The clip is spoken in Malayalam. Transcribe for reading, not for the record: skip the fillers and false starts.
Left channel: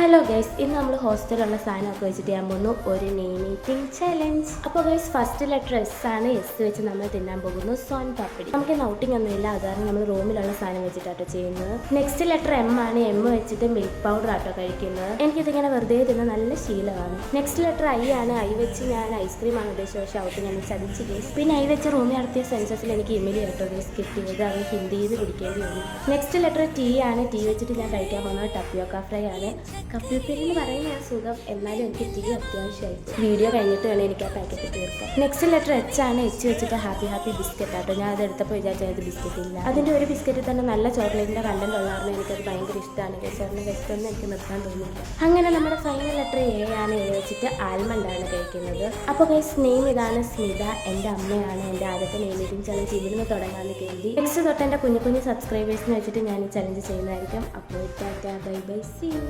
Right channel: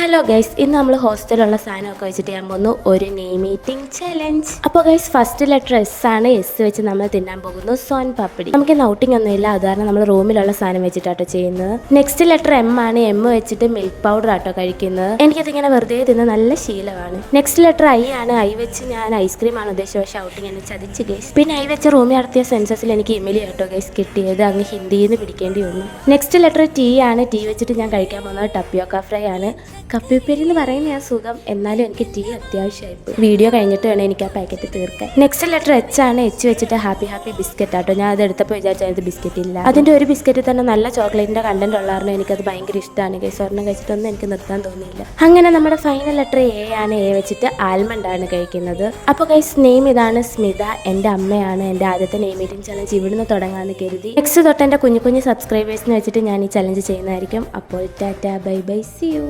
ഹലോ ഗൈസ്, ഇന്ന് നമ്മൾ ഹോസ്റ്റലിലുള്ള സാധനമൊക്കെ വെച്ചിട്ട് ചെയ്യാൻ പോകുന്നു ഒരു നെയിം ഈറ്റിംഗ് ചലഞ്ച്. അപ്പോൾ ഗൈസ്, ഫസ്റ്റ് ലെറ്റർ എസ് ആണ്. എസ് വെച്ച് നമ്മൾ തിന്നാൻ പോകുന്നു സോൻ പാപ്പടി. നമുക്ക് ഔട്ടിംഗ് ഒന്നുമില്ല, അതുകാരണം നമ്മൾ റൂമിലുള്ള സാധനം വെച്ചിട്ടാട്ടോ ചെയ്യുന്നത്. നെക്സ്റ്റ് ലെറ്റർ എം ആണ്. എം വെച്ചിട്ട് മിൽക്ക് പൗഡർ ആട്ടോ കഴിക്കുന്നത്. എനിക്കതിങ്ങനെ വെറുതെ തിന്ന് നല്ല ശീലമാണ്. നെക്സ്റ്റ് ലെറ്റർ ഐ ആണ്. ഐ വെച്ച് ഞാൻ ഐസ്ക്രീമാണ് ഉദ്ദേശിച്ചത്, പക്ഷേ ഔട്ടിംഗ് എന്നെ ചതിച്ച് ഗൈസ്. പിന്നെ ഐ വെച്ച് റൂമിൽ നടത്തിയ സെൻസസിൽ എനിക്ക് ഇമെയിൽ കേട്ടോ ഗൈസ് കിട്ടിയത്, അങ്ങ് ഹിന്ദിയിൽ നിന്ന് പിടിക്കേണ്ടി വന്നു. നെക്സ്റ്റ് ലെറ്റർ ടി ആണ്. ടി വെച്ചിട്ട് ഞാൻ കഴിക്കാൻ പോകുന്നത് ടപ്പിയോക്ക ഫ്രൈ ആണ്. കപ്പിപ്പേരി എന്ന് പറയുന്ന സുഖം, എന്നാലും എനിക്ക് ടീ അത്യാവശ്യമായിട്ട്. വീഡിയോ കഴിഞ്ഞിട്ട് വേണം എനിക്ക് ആ പാക്കറ്റ് തീർക്കാൻ. നെക്സ്റ്റ് ലെറ്റർ എച്ച് ആണ്. എച്ച് വെച്ചിട്ട് ഹാപ്പി ഹാപ്പി ബിസ്ക്കറ്റ് ആട്ടോ. ഞാൻ അത് എടുത്തപ്പോൾ വിചാരിച്ചത് ബിസ്ക്കറ്റ് ഇല്ല. അതിൻ്റെ ഒരു ബിസ്ക്കറ്റ് തന്നെ നല്ല ചോക്ലേറ്റിൻ്റെ കണ്ടന്റ് ഉള്ളതാണ്. എനിക്കത് ഭയങ്കര ഇഷ്ടമാണ്. സ്വർണ്ണം കഴിച്ചിട്ടൊന്നും എനിക്ക് നിർത്താൻ തോന്നിയില്ല. അങ്ങനെ നമ്മുടെ ഫൈനൽ ലെറ്റർ എ ആണ്. എ വെച്ചിട്ട് ആൽമണ്ട് ആണ് കഴിക്കുന്നത്. അപ്പോൾ ഗൈസ്, നെയിം ഇതാണ് സ്മിത. എൻ്റെ അമ്മയാണ്. എൻ്റെ ആദ്യത്തെ നെയിം മീറ്റിംഗ് ചലഞ്ച് ഇവിടുന്ന് തുടങ്ങാമെന്ന് കരുതി. നെക്സ്റ്റ് തൊട്ട് എൻ്റെ കുഞ്ഞു കുഞ്ഞു സബ്സ്ക്രൈബേഴ്സിന് വെച്ചിട്ട് ഞാൻ ഈ ചലഞ്ച് ചെയ്യുന്നതായിരിക്കും. അപ്പോൾ ടാറ്റാ, ബൈ ബൈ, സീ യു.